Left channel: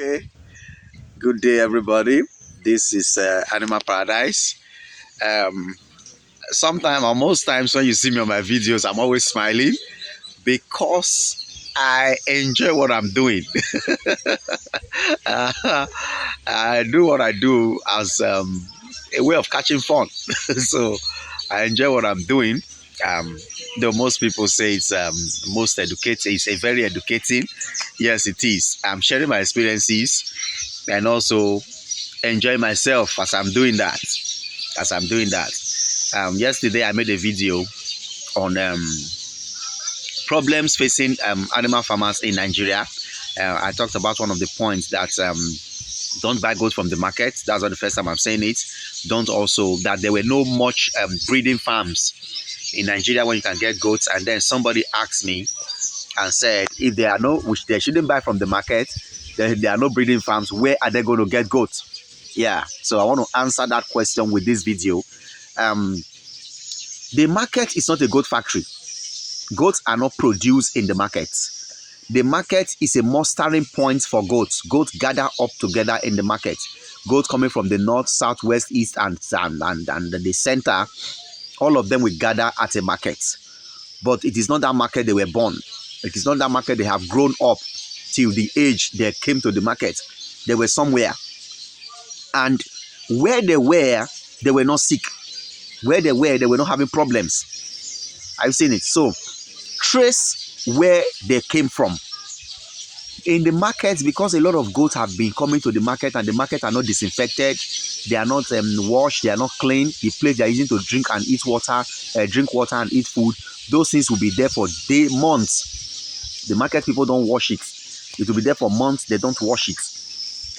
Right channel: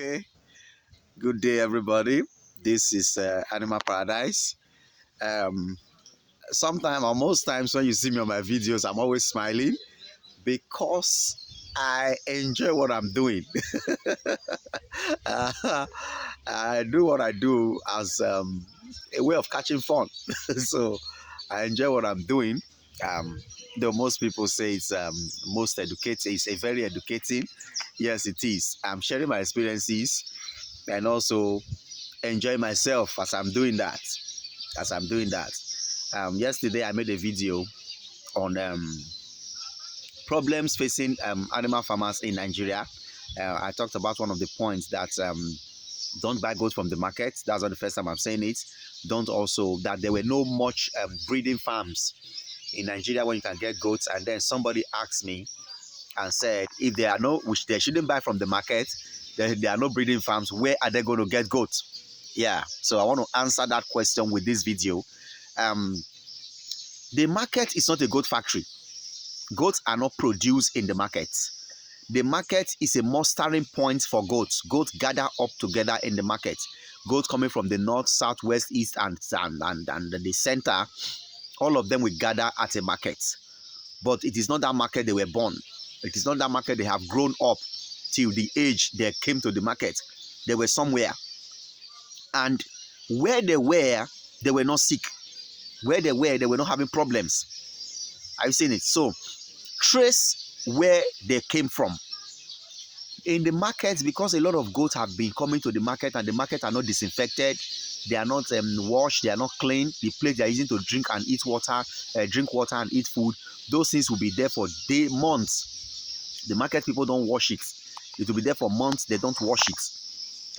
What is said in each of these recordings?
Okay, good day, everybody. This is Animal Paradise. Um, Sometimes or most times when you see me on my videos, I'm always smiling because I enjoy what I'm doing. I do what I do as a way of catching fun. So I enjoy what I'm doing. Um, though most people say it's most educating, it's a very educating. Yes, it is. I'm sharing my experiences and also enjoy myself as I'm doing that. Yesterday I made a video on problems facing animal farmers in Nigeria. I talked about one of the points that don't buy goats from the market. That's not the first time I'm saying it. Don't also that there were no much breeding farms in Nigeria where you can get goats. And then somebody asked me and said, if there are no, which they shouldn't buy from the market, there are no breeding farms, where are they going to get goats? Yeah, so I want to answer that question with this video. The market is not a goat factory. Goats are not produced in the market. The market is a mustering point for goats. Goats gather up together in the market. Goats coming from the north, south, west, east, and the center, all of them will gather at a market. But it is not that market they were born. It is not that market they have grown up till the age they came to the market. They were somewhere. And where they were not sick. Where they were not having problems. I've seen it. So trace where they came from. In the market, because a lot of goats have been coming to the market and the market are not disinfected, they are not washed, they are not clean. The place they are using to drink and eat water, drink water and eat food, those things will be there for months. The market people don't wash it. It will be there for months. They don't wash it.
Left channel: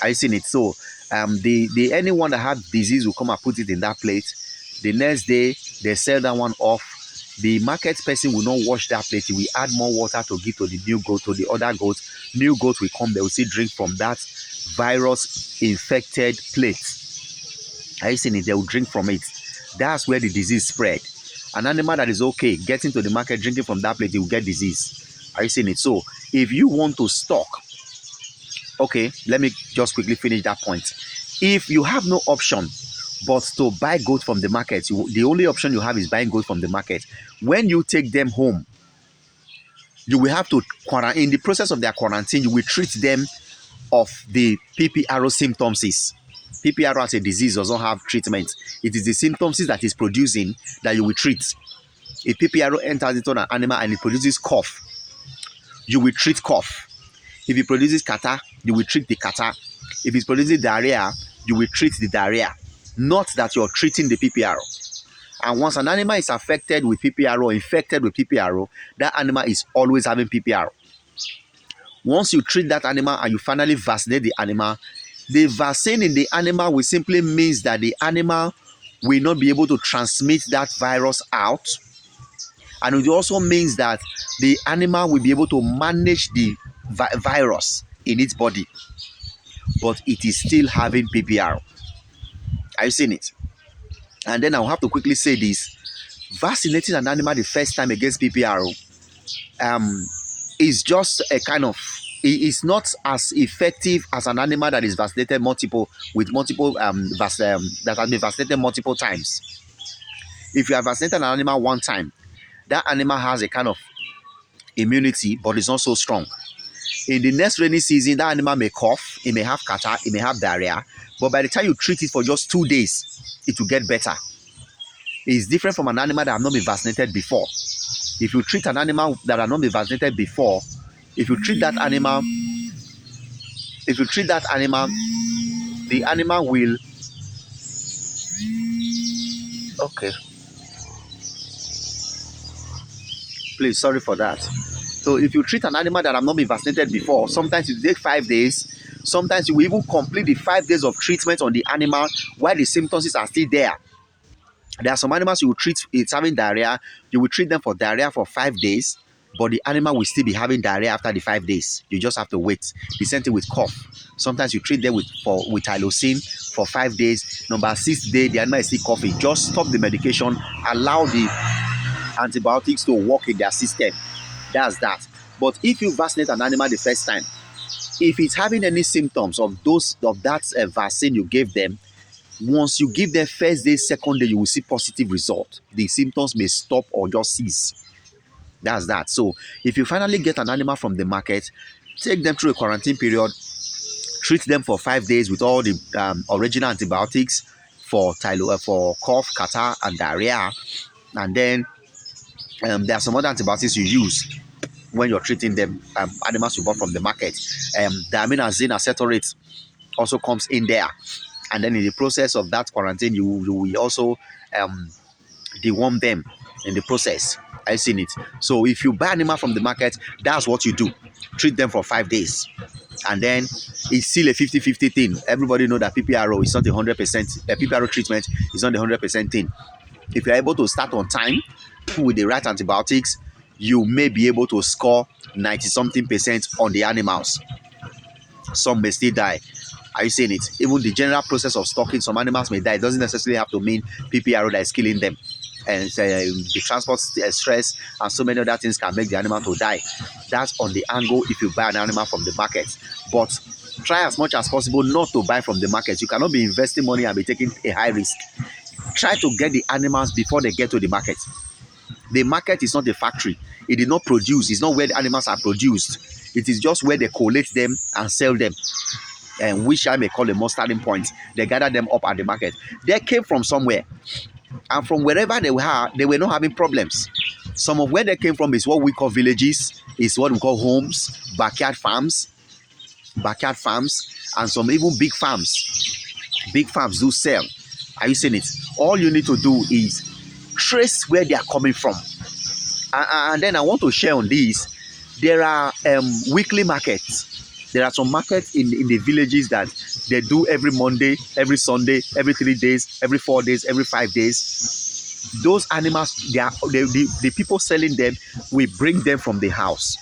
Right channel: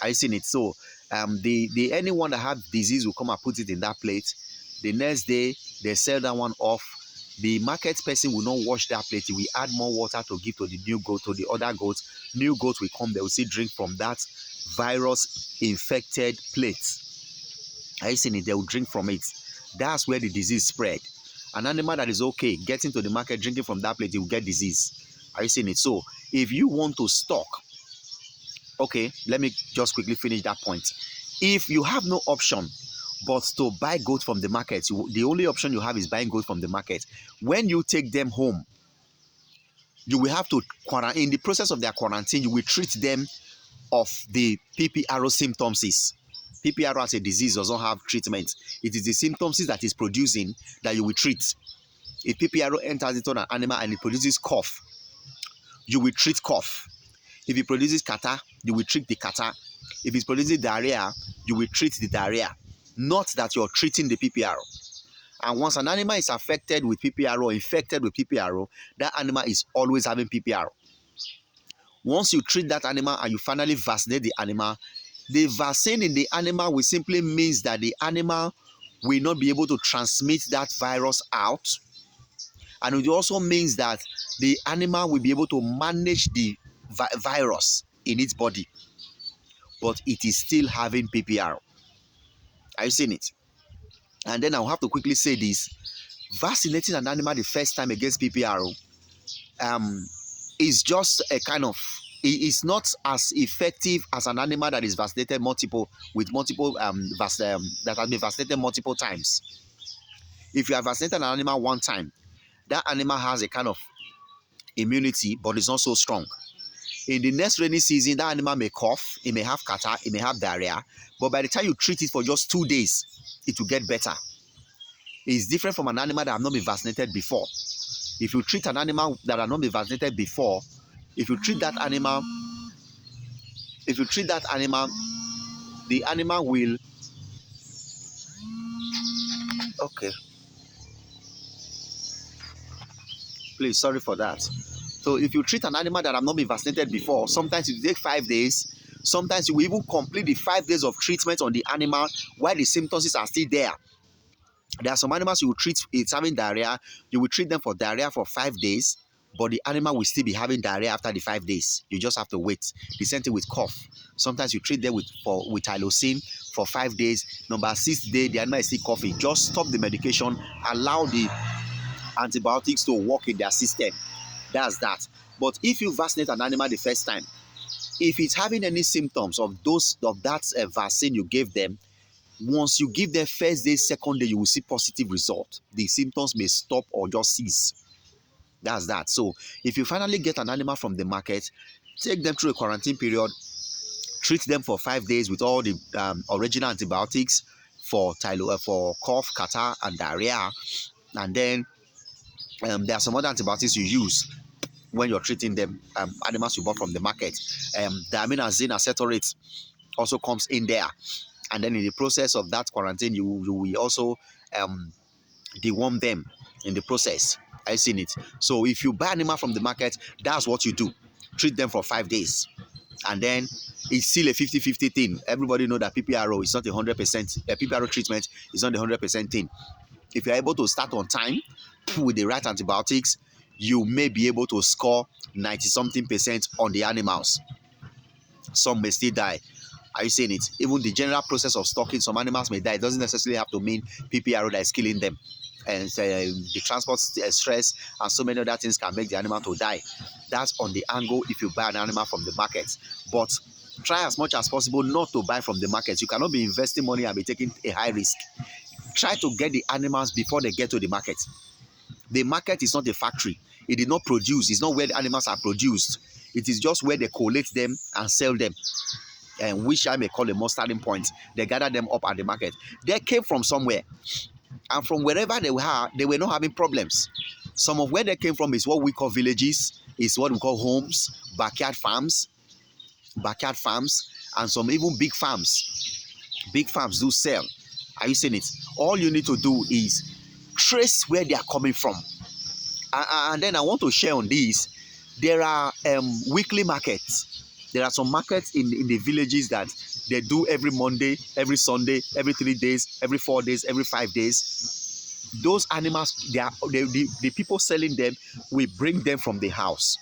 I've seen it. So anyone that had disease will come and put it in that plate. The next day they sell that one off. The market person will not wash that plate. He will add more water to give to the new goat, to the other goats. New goats will come, they will still drink from that virus-infected plate. Have you seen it? They will drink from it. That's where the disease spread. An animal that is okay, getting to the market, drinking from that plate, he will get disease. Have you seen it? So, if you want to stock, okay, let me just quickly finish that point. If you have no option but to buy goat from the market, the only option you have is buying goat from the market. When you take them home, you will have to quarantine. In the process of their quarantine, you will treat them of the PPRO symptoms. PPRO as a disease does not have treatment. It is the symptoms that is producing that you will treat. If PPRO enters into an animal and it produces cough, you will treat cough. If it produces catarrh, you will treat the catarrh. If it produces diarrhea, you will treat the diarrhea. Not that you're treating the PPRO. And once an animal is affected with PPRO, infected with PPRO, that animal is always having PPRO. Once you treat that animal and you finally vaccinate the animal, the vaccine in the animal will simply means that the animal will not be able to transmit that virus out. And it also means that the animal will be able to manage the virus in its body. But it is still having PPRO. Have you seen it? And then I'll have to quickly say this. Vaccinating an animal the first time against PPRO is just a kind of, it's not as effective as an animal that is vaccinated that has been vaccinated multiple times. If you have vaccinated an animal one time, that animal has a kind of immunity, but it's not so strong. In the next rainy season, that animal may cough, it may have catarrh, it may have diarrhea, but by the time you treat it for just 2 days, it will get better. It's different from an animal that have not been vaccinated before. If you treat an animal that have not been vaccinated before, the animal will, okay, please, sorry for that. So if you treat an animal that have not been vaccinated before, sometimes it will take 5 days. Sometimes you will even complete the 5 days of treatment on the animal while the symptoms are still there. There are some animals you will treat, it's having diarrhea, you will treat them for diarrhea for 5 days, but the animal will still be having diarrhea after the 5 days. You just have to wait. The same thing with cough. Sometimes you treat them with Tylosin for 5 days. Number 6th day, the animal is still coughing. Just stop the medication, allow the antibiotics to work in their system. That's that. But if you vaccinate an animal the first time, If it's having any symptoms of that vaccine you gave them, once you give them first day, second day, you will see positive result. The symptoms may stop or just cease. That's that. So if you finally get an animal from the market, take them through a quarantine period, treat them for 5 days with all the original antibiotics for for cough, catarrh, and diarrhea, and then there are some other antibiotics you use when you're treating them, animals you bought from the market. Diaminoxazine acetate also comes in there, and then in the process of that quarantine, you will also deworm them in the process. I've seen it. So if you buy animal from the market, that's what you do. Treat them for 5 days. And then it's still a 50-50 thing. Everybody know that PPRO is not 100%. PPRO treatment is not 100% thing. If you're able to start on time with the right antibiotics, you may be able to score 90-something% on the animals. Some may still die. Are you seeing it? Even the general process of stocking, some animals may die. It doesn't necessarily have to mean PPRO that is killing them. And the transport stress and so many other things can make the animal to die. That's on the angle if you buy an animal from the market. But try as much as possible not to buy from the market. You cannot be investing money and be taking a high risk. Try to get the animals before they get to the market. The market is not a factory. It did not produce. It's not where the animals are produced. It is just where they collect them and sell them, and which I may call a mustarding point. They gather them up at the market. They came from somewhere, and from wherever they were not having problems. Some of where they came from is what we call villages, is what we call homes, backyard farms, and some even big farms. Big farms do sell. Are you seeing it? All you need to do is trace where they are coming from. And then I want to share on this. There are weekly markets. There are some markets in the villages that they do every Monday, every Sunday, every 3 days, every 4 days, every 5 days. Those animals, the people selling them, we bring them from the house.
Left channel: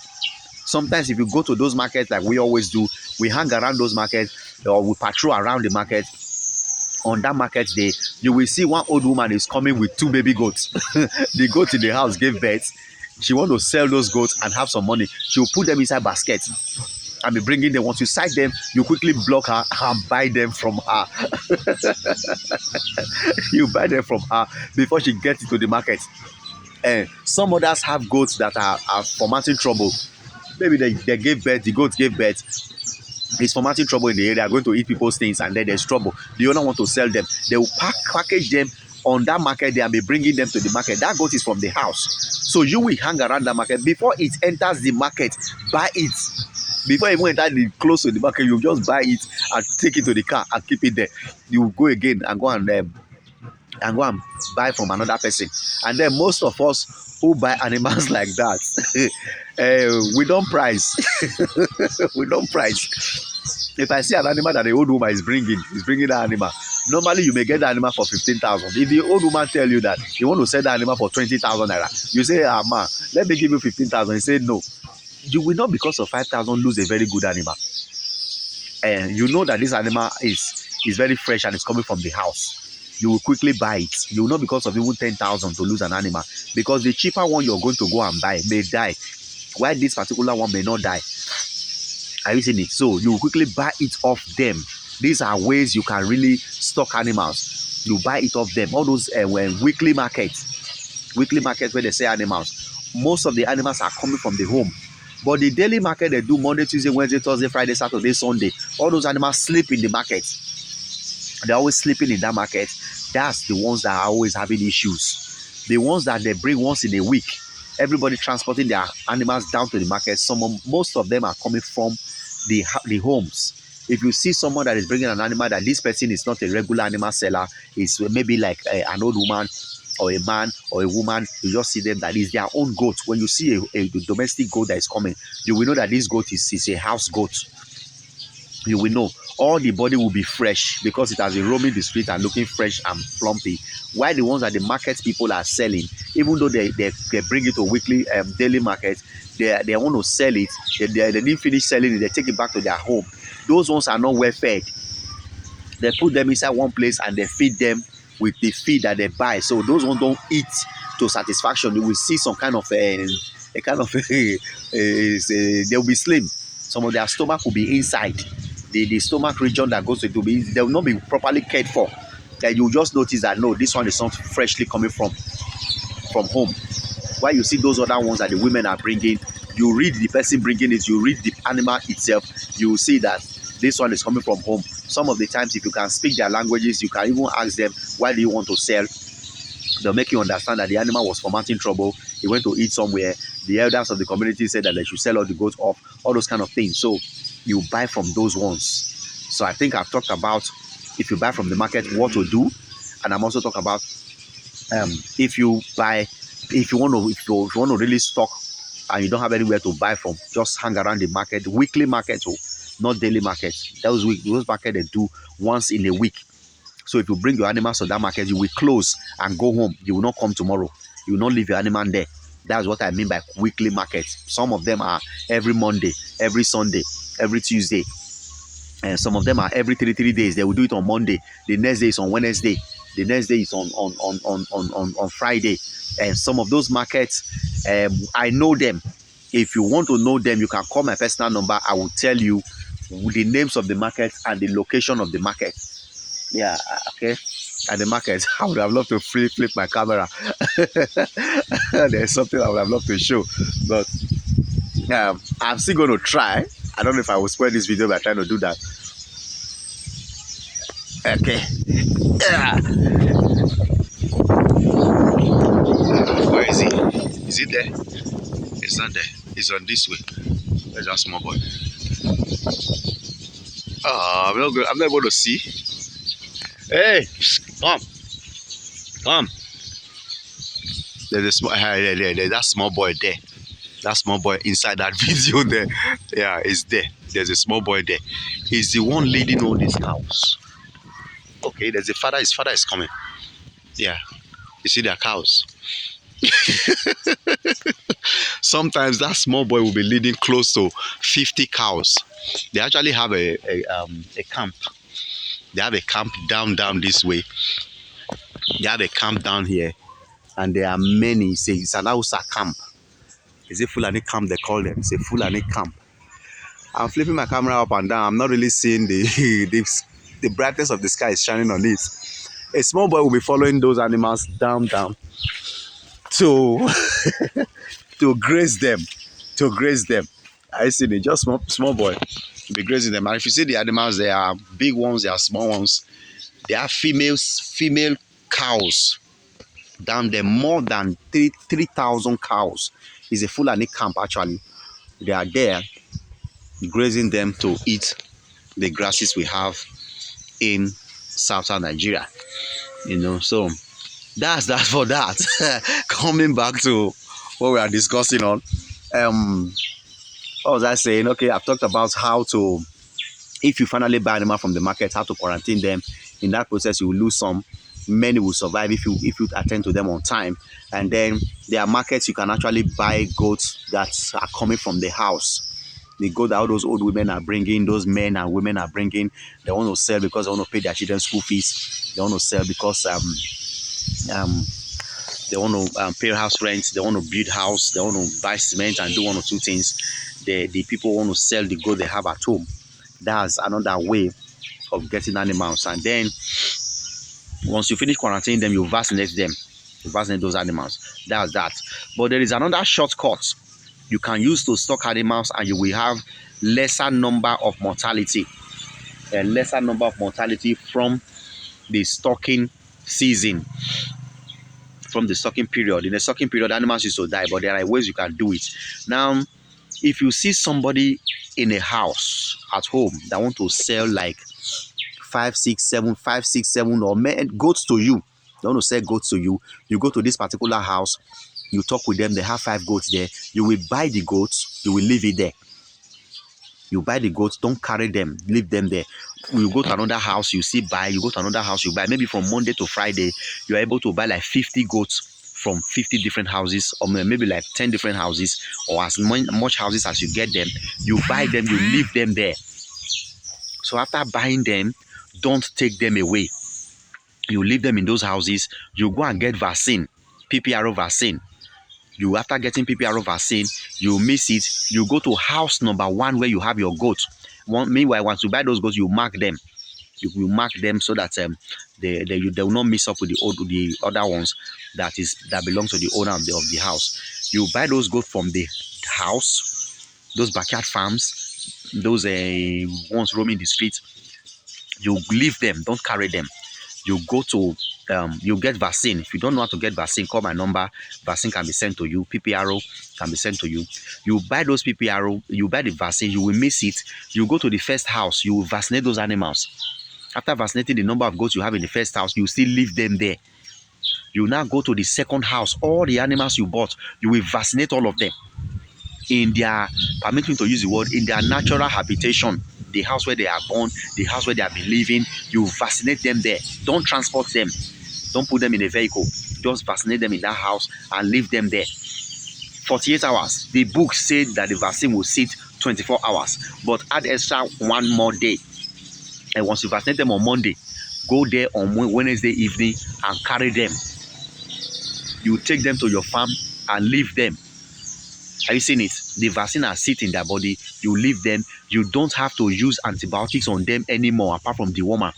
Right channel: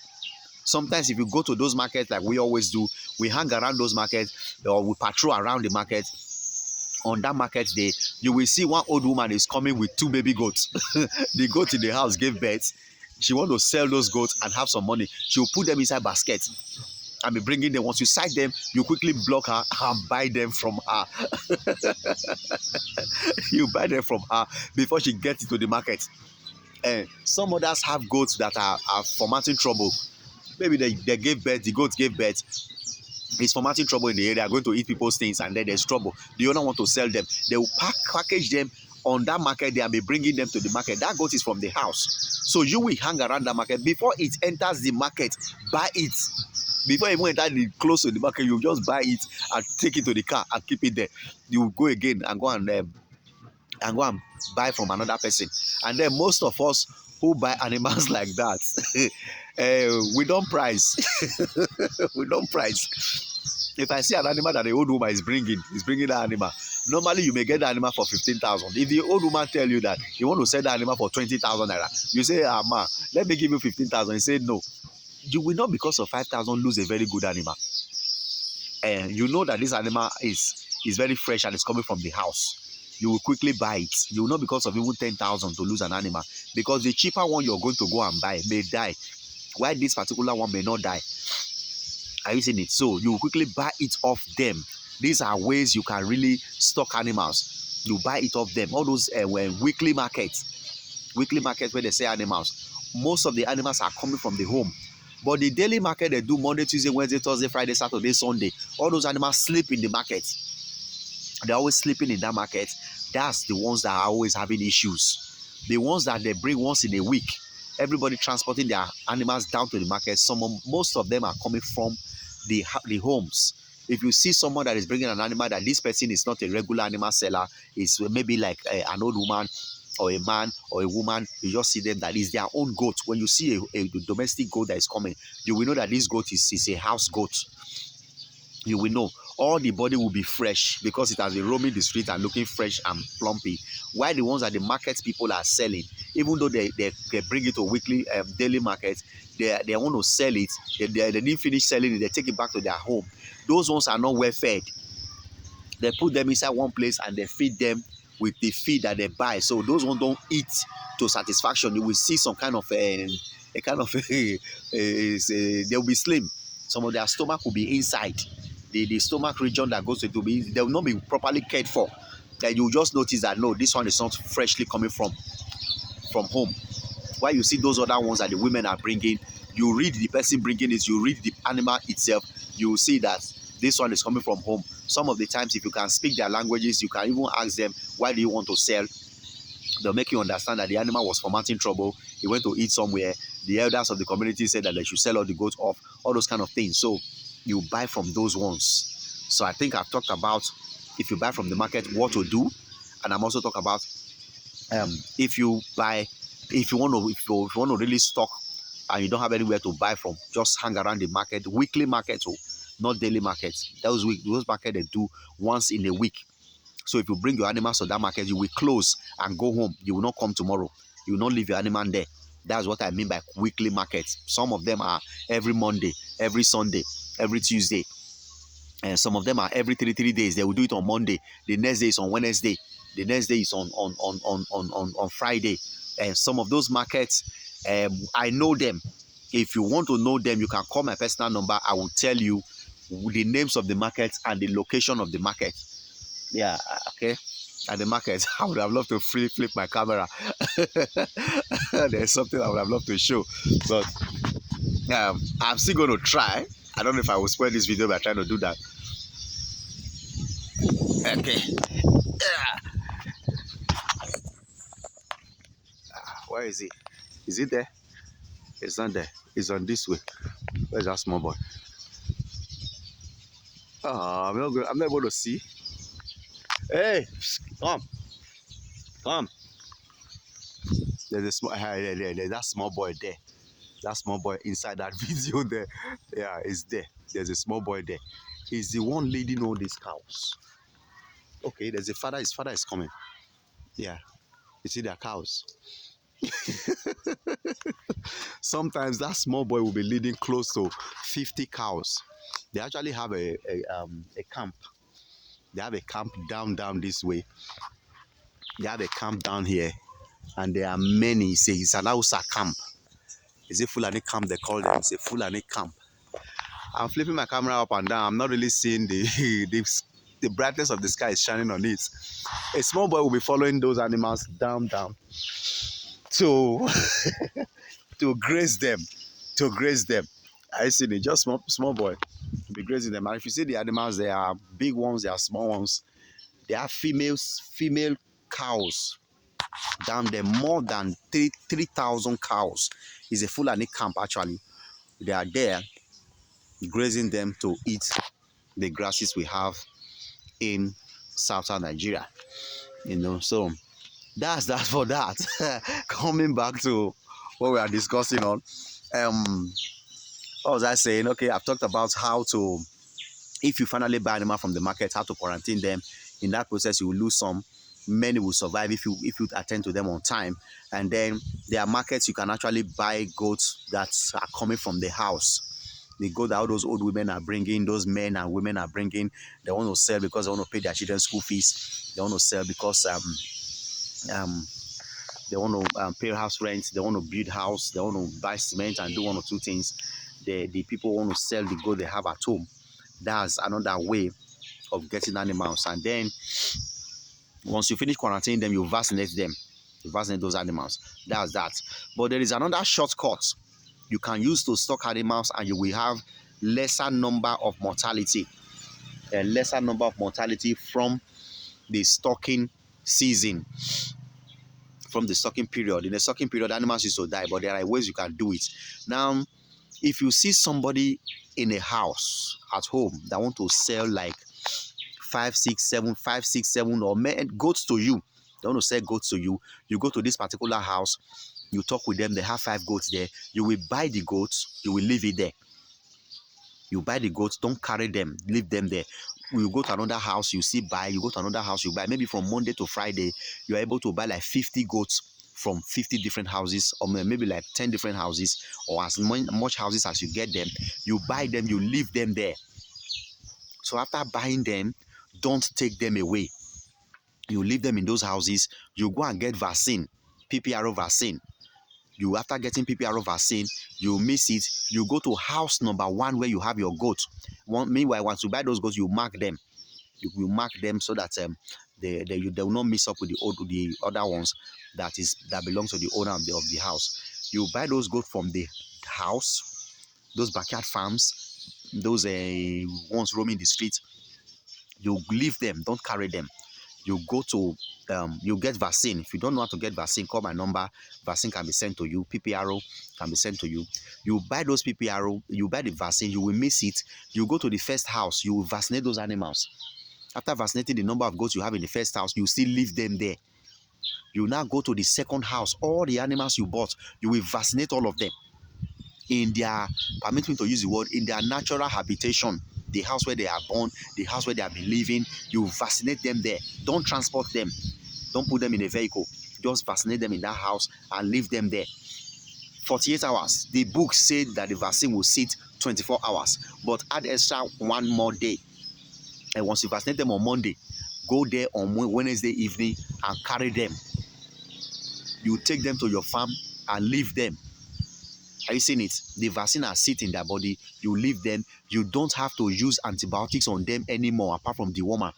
Sometimes if you go to those markets like we always do, we hang around those markets or we patrol around the market. On that market day, you will see one old woman is coming with 2 baby goats. The goat in the house gave birth. She want to sell those goats and have some money. She will put them inside baskets and be bringing them. Once you sight them, you quickly block her and buy them from her. You buy them from her before she gets into the market. Some others have goats that are formatting trouble. Maybe they gave birth, the goats gave birth. It's formatting trouble in the area, going to eat people's things, and then there's trouble. The owner want to sell them. They will package them on that market day and be bringing them to the market. That goat is from the house. So you will hang around the market. Before it enters the market, buy it. Before you even enter close to the market, you just buy it and take it to the car and keep it there. You will go again and go and buy from another person. And then most of us who buy animals like that, we don't price. We don't price. If I see an animal that the old woman is bringing that animal, normally you may get the animal for 15,000. If the old woman tell you that you want to sell the animal for 20,000 naira, you say, ma, let me give you 15,000. He say no. You will not, because of 5,000, lose a very good animal. And you know that this animal is very fresh and it's coming from the house. You will quickly buy it. You will not, because of even 10,000, to lose an animal, because the cheaper one you're going to go and buy may die, while this particular one may not die. Are you seeing it? So you will quickly buy it off them. These are ways you can really stock animals. You buy it off them. All those weekly markets where they sell animals, most of the animals are coming from the home. But the daily market they do Monday, Tuesday, Wednesday, Thursday, Friday, Saturday, Sunday, all those animals sleep in the market. They're always sleeping in that market. That's the ones that are always having issues. The ones that they bring once in a week, everybody transporting their animals down to the market. Most of them are coming from the homes. If you see someone that is bringing an animal that this person is not a regular animal seller, is maybe like an old woman or a man or a woman, you just see them that is their own goat. When you see a domestic goat that is coming, you will know that this goat is a house goat. You will know. All the body will be fresh because it has been roaming the street and looking fresh and plumpy. While the ones that the market people are selling, even though they bring it to weekly, daily market, they want to sell it. They didn't finish selling it. They take it back to their home. Those ones are not well fed. They put them inside one place and they feed them with the feed that they buy. So those ones don't eat to satisfaction. You will see some kind of they will be slim. Some of their stomach will be inside. The stomach region that goes to it will be, they will not be properly cared for. Then you just notice that no, this one is not freshly coming from home. While you see those other ones that the women are bringing, you read the person bringing it, you read the animal itself, you will see that this one is coming from home. Some of the times, if you can speak their languages, you can even ask them, why do you want to sell? They'll make you understand that the animal was fomenting trouble. He went to eat somewhere. The elders of the community said that they should sell all the goats off, all those kind of things. So you buy from those ones. So I think I've talked about, if you buy from the market, what to do. And I'm also talking about if you want to really stock and you don't have anywhere to buy from, just hang around the market, weekly market, or not daily market. Those market they do once in a week. So if you bring your animals to that market, you will close and go home. You will not come tomorrow. You will not leave your animal there. That's what I mean by weekly markets. Some of them are every Monday, every Sunday, every Tuesday. And some of them are every 3 days. They will do it on Monday. The next day is on Wednesday. The next day is on Friday. And some of those markets, I know them. If you want to know them, you can call my personal number. I will tell you the names of the markets and the location of the market. Yeah, okay. At the market, I would have loved to flip my camera. There's something I would have loved to show, but I'm still going to try. I don't know if I will spoil this video by trying to do that. Okay. Where is he? Is he there? It's not there. It's on this way. Where's that small boy? Oh, I'm not able to see. Hey, come. There's a small, there's that small boy there. That small boy inside that video there. Yeah, it's there. There's a small boy there. He's the one leading all these cows. Okay, there's a father. His father is coming. Yeah, you see their cows. Sometimes that small boy will be leading close to 50 cows. They actually have a camp. They have a camp down this way. They have a camp down here, and there are many. It's an Hausa camp. Is it Fulani camp they call it? It's a Fulani camp. I'm flipping my camera up and down. I'm not really seeing the brightness of the sky is shining on it. A small boy will be following those animals down to to graze them. I see they just small boy to be grazing them. And if you see the animals, there are big ones, there are small ones. There are female cows down there, more than 3,000 cows. It's a Fulani camp actually. They are there grazing them to eat the grasses we have in southern Nigeria. You know, so that's that for that. Coming back to what we are discussing on. What was I saying? Okay, I've talked about how to, if you finally buy animal from the market, how to quarantine them. In that process, you will lose some. Many will survive if you attend to them on time. And then there are markets you can actually buy goats that are coming from the house. The goat that all those old women are bringing, those men and women are bringing, they want to sell because they want to pay their children's school fees. They want to sell because they want to pay house rent. They want to build house. They want to buy cement and do one or two things. The people want to sell the goat they have at home. That's another way of getting animals. And then once you finish quarantining them, you vaccinate them. You vaccinate those animals. That's that. But there is another shortcut you can use to stock animals, and you will have lesser number of mortality. A lesser number of mortality from the stocking season. From the stocking period. In the stocking period, animals used to die, but there are ways you can do it. Now, if you see somebody in a house at home that want to sell like 5, 6, 7 or goats to you, they want to sell goats to you, you go to this particular house, you talk with them, they have 5 goats there, you will buy the goats, you will leave it there. You buy the goats, don't carry them, leave them there. You go to another house, you see buy, you go to another house, you buy. Maybe from Monday to Friday, you're able to buy like 50 goats from 50 different houses, or maybe like 10 different houses, or as much houses as you get them. You buy them, you leave them there. So after buying them, don't take them away. You leave them in those houses, you go and get vaccine, PPRO vaccine. You, after getting PPRO vaccine, you miss it, you go to house number 1 where you have your goats. Meanwhile, once you buy those goats, you mark them. You will mark them so that they will not mix up with the other ones that belong to the owner of the house. You buy those goats from the house, those backyard farms, those ones roaming the street. You leave them, don't carry them. You go to you get vaccine. If you don't know how to get vaccine, call my number. Vaccine can be sent to you. PPRO can be sent to you. You buy those PPRO, you buy the vaccine, you will miss it. You go to the first house, you will vaccinate those animals. After vaccinating the number of goats you have in the first house, you still leave them there. You now go to the second house. All the animals you bought, you will vaccinate all of them in their, permit me to use the word, in their natural habitation. The house where they are born, the house where they have been living, you vaccinate them there. Don't transport them. Don't put them in a vehicle. Just vaccinate them in that house and leave them there. 48 hours. The book said that the vaccine will sit 24 hours, but add extra 1 more day. And once you vaccinate them on Monday, go there on Wednesday evening and carry them. You take them to your farm and leave them. Are you seeing it? The vaccine has sit in their body. You leave them. You don't have to use antibiotics on them anymore, apart from dewormer.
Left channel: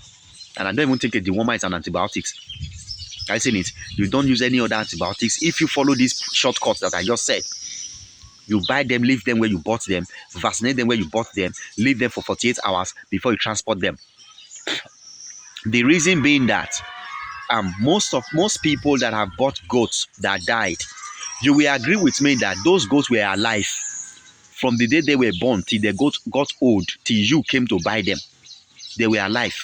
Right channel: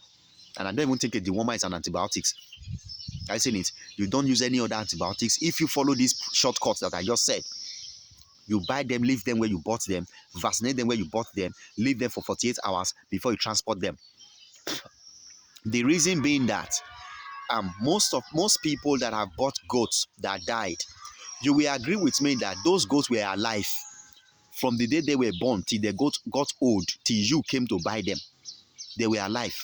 And I don't even think a dewormer is an antibiotics. Are you seeing it? You don't use any other antibiotics. If you follow these shortcuts that I just said, you buy them, leave them where you bought them, vaccinate them where you bought them, leave them for 48 hours before you transport them. The reason being that most people that have bought goats that died, you will agree with me that those goats were alive from the day they were born till they got old, till you came to buy them. They were alive.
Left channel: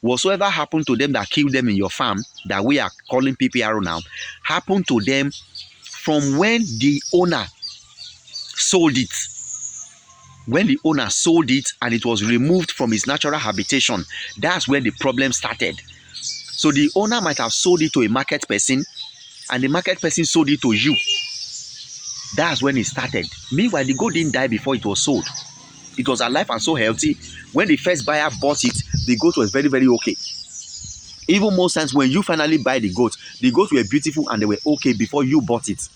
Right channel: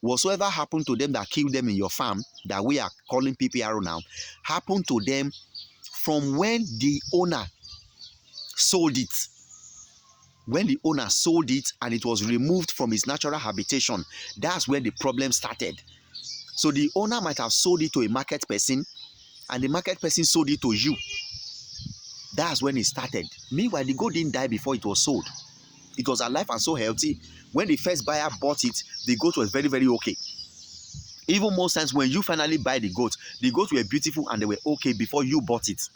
Whatsoever happened to them that killed them in your farm, that we are calling PPRO now, happened to them from when the owner sold it. When the owner sold it and it was removed from its natural habitation, that's where the problem started. So the owner might have sold it to a market person, and the market person sold it to you. That's when it started. Meanwhile, the goat didn't die before it was sold. It was alive and so healthy. When the first buyer bought it, the goat was very, very okay. Even most times when you finally buy the goats were beautiful and they were okay before you bought it.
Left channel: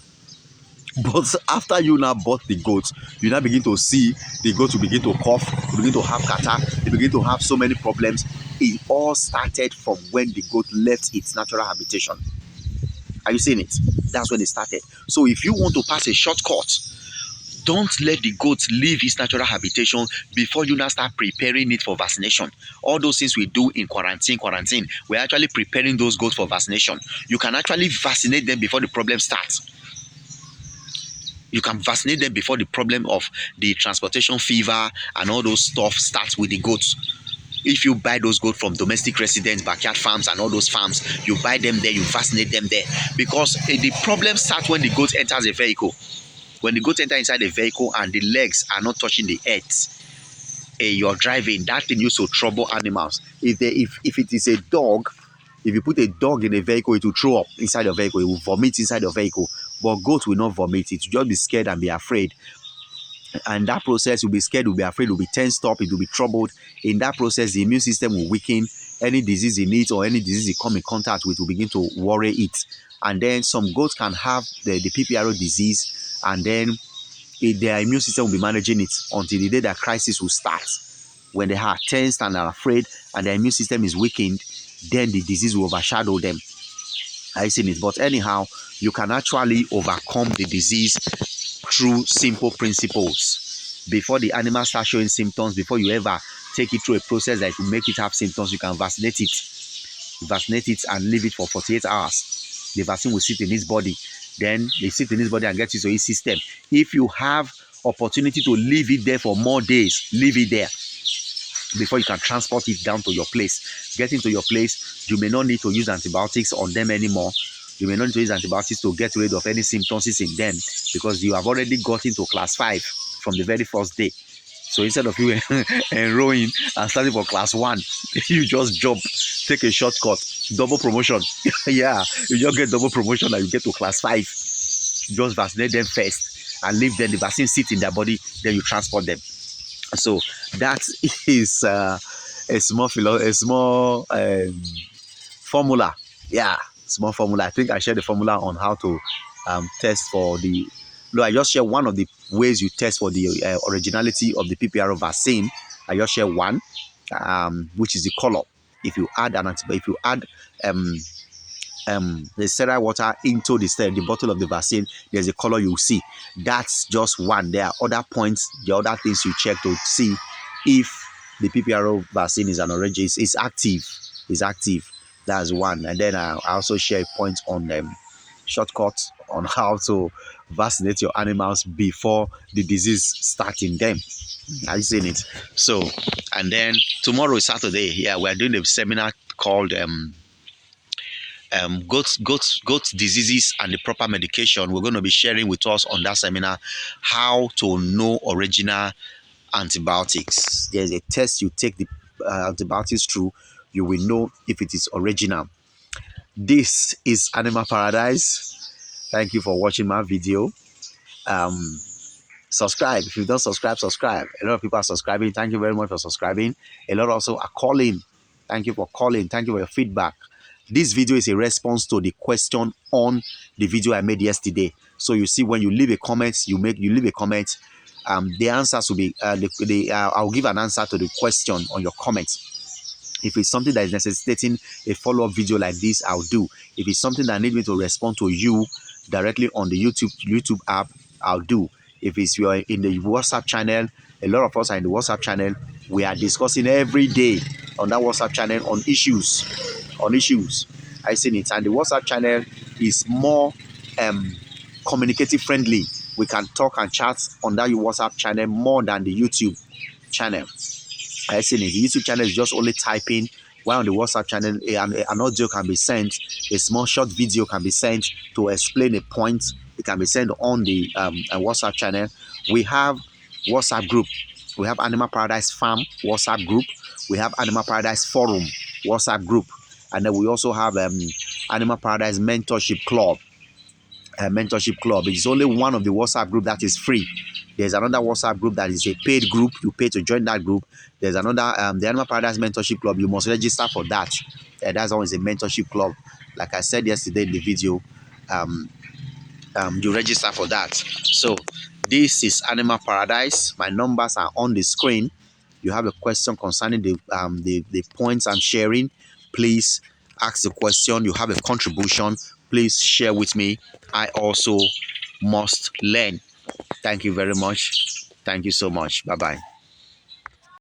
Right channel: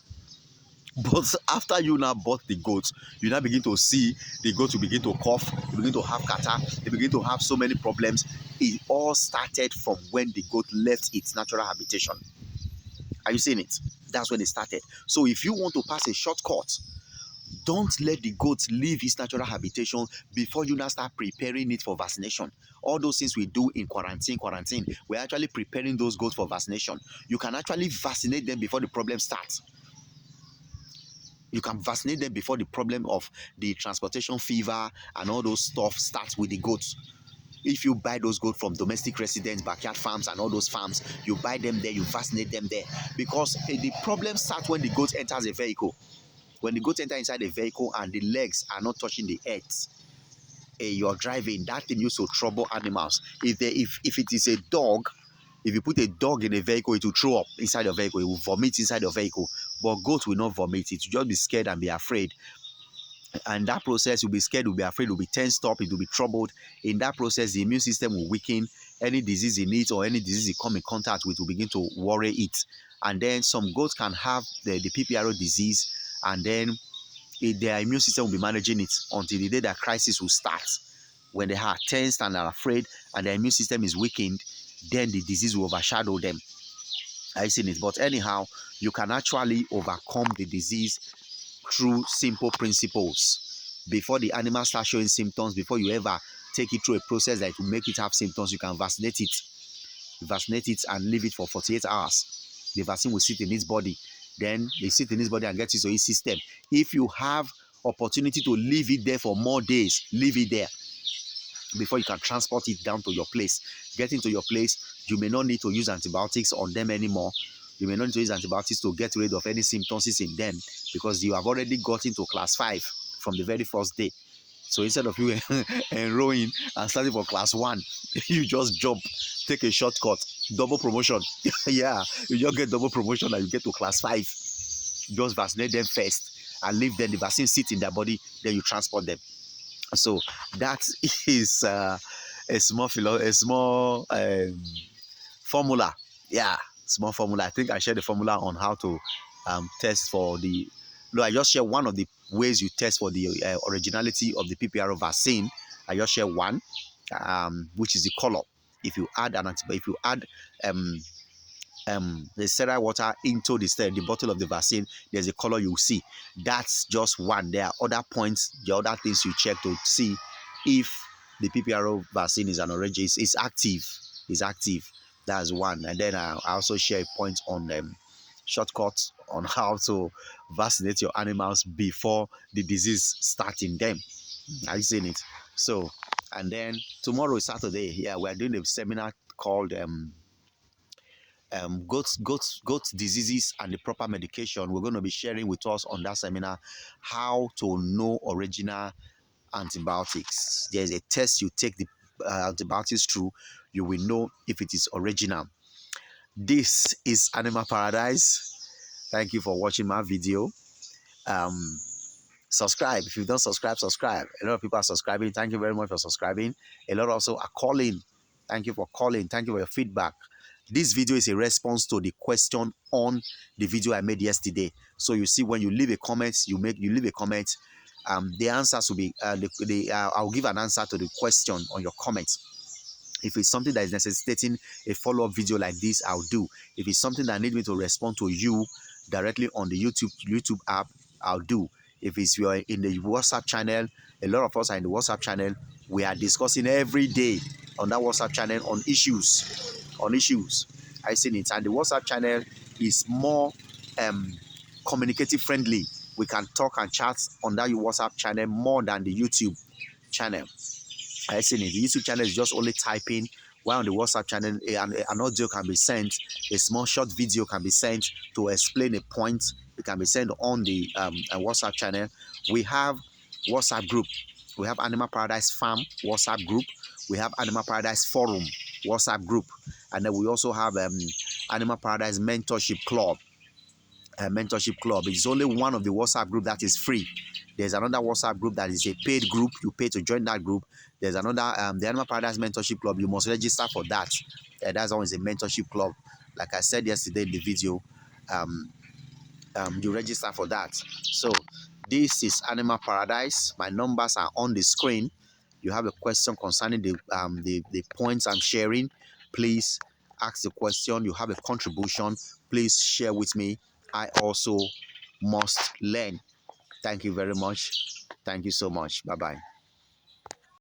But after you now bought the goats, you now begin to see the goats will begin to cough, will begin to have catarrh, they begin to have so many problems. It all started from when the goat left its natural habitation. Are you seeing it? That's when it started. So if you want to pass a shortcut, don't let the goat leave its natural habitation before you now start preparing it for vaccination. All those things we do in quarantine, we're actually preparing those goats for vaccination. You can actually vaccinate them before the problem starts. You can vaccinate them before the problem of the transportation fever and all those stuff starts with the goats. If you buy those goats from domestic residents, backyard farms and all those farms, you buy them there, you vaccinate them there. Because the problem starts when the goat enters a vehicle. When the goat enters inside the vehicle and the legs are not touching the earth, you're driving, that thing used to trouble animals. If it is a dog, if you put a dog in a vehicle, it will throw up inside your vehicle, it will vomit inside your vehicle. But goat will not vomit, it will just be scared and be afraid. And that process, will be scared, will be afraid, will be tensed up, it will be troubled. In that process, the immune system will weaken. Any disease in it or any disease it come in contact with will begin to worry it. And then some goats can have the PPRO disease, and then their immune system will be managing it until the day that crisis will start. When they are tensed and are afraid and their immune system is weakened, then the disease will overshadow them. I see it. But anyhow, you can actually overcome the disease through simple principles. Before the animal starts showing symptoms, before you ever take it through a process that will make it have symptoms, you can vaccinate it. Vaccinate it and leave it for 48 hours. The vaccine will sit in its body. Then they sit in its body and get into its system. If you have opportunity to leave it there for more days, leave it there before you can transport it down to your place. Get into your place, you may not need to use antibiotics on them anymore. You may not need to use antibiotics to get rid of any symptoms in them, because you have already got into class 5 from the very first day. So instead of you enrolling and starting for class 1, you just jump, take a shortcut, double promotion. Yeah, you just get double promotion and you get to class 5. Just vaccinate them first and leave them. The vaccine sit in their body, then you transport them. So that is a small formula. Yeah, small formula. I think I shared the formula on how to test for the. No, I just share one of the ways you test for the originality of the PPRO vaccine. I just share one, which is the color. If you add the sterile water into the bottle of the vaccine, there's a color you see. That's just one. There are other points, the other things you check to see if the PPRO vaccine is an orange. It's active. It's active. That's one. And then I also share a point on shortcuts on how to vaccinate your animals before the disease starts in them. Are you seeing it? So, and then tomorrow is Saturday. Yeah, we're doing a seminar called goat diseases and the proper medication. We're going to be sharing with us on that seminar how to know original antibiotics. There's a test you take the antibiotics through. You will know if it is original. This is Animal Paradise. Thank you for watching my video. Subscribe. If you don't subscribe, subscribe. A lot of people are subscribing. Thank you very much for subscribing. A lot also are calling. Thank you for calling. Thank you for your feedback. This video is a response to the question on the video I made yesterday. So you see, when you leave a comment, you leave a comment. The answers will be I'll give an answer to the question on your comment. If it's something that is necessitating a follow-up video like this, I'll do. If it's something that needs me to respond to you directly on the YouTube app, I'll do. If it's you're in the WhatsApp channel, a lot of us are in the WhatsApp channel. We are discussing every day on that WhatsApp channel on issues. I seen it, and the WhatsApp channel is more communicative friendly. We can talk and chat on that WhatsApp channel more than the YouTube channel. I seen it. The YouTube channel is just only typing, while on the WhatsApp channel an audio can be sent, a small short video can be sent to explain a point. It can be sent on the WhatsApp channel. We have WhatsApp group. We have Animal Paradise Farm WhatsApp group. We have Animal Paradise Forum WhatsApp group. And then we also have Animal Paradise Mentorship Club. It is only one of the WhatsApp group that is free. There's another WhatsApp group that is a paid group. You pay to join that group. There's another, the Animal Paradise Mentorship Club. You must register for that. That's always a mentorship club. Like I said yesterday in the video, you register for that. So this is Animal Paradise. My numbers are on the screen. You have a question concerning the points I'm sharing, please ask the question. You have a contribution, please share with me. I also must learn. Thank you very much. Thank you so much. Bye-bye.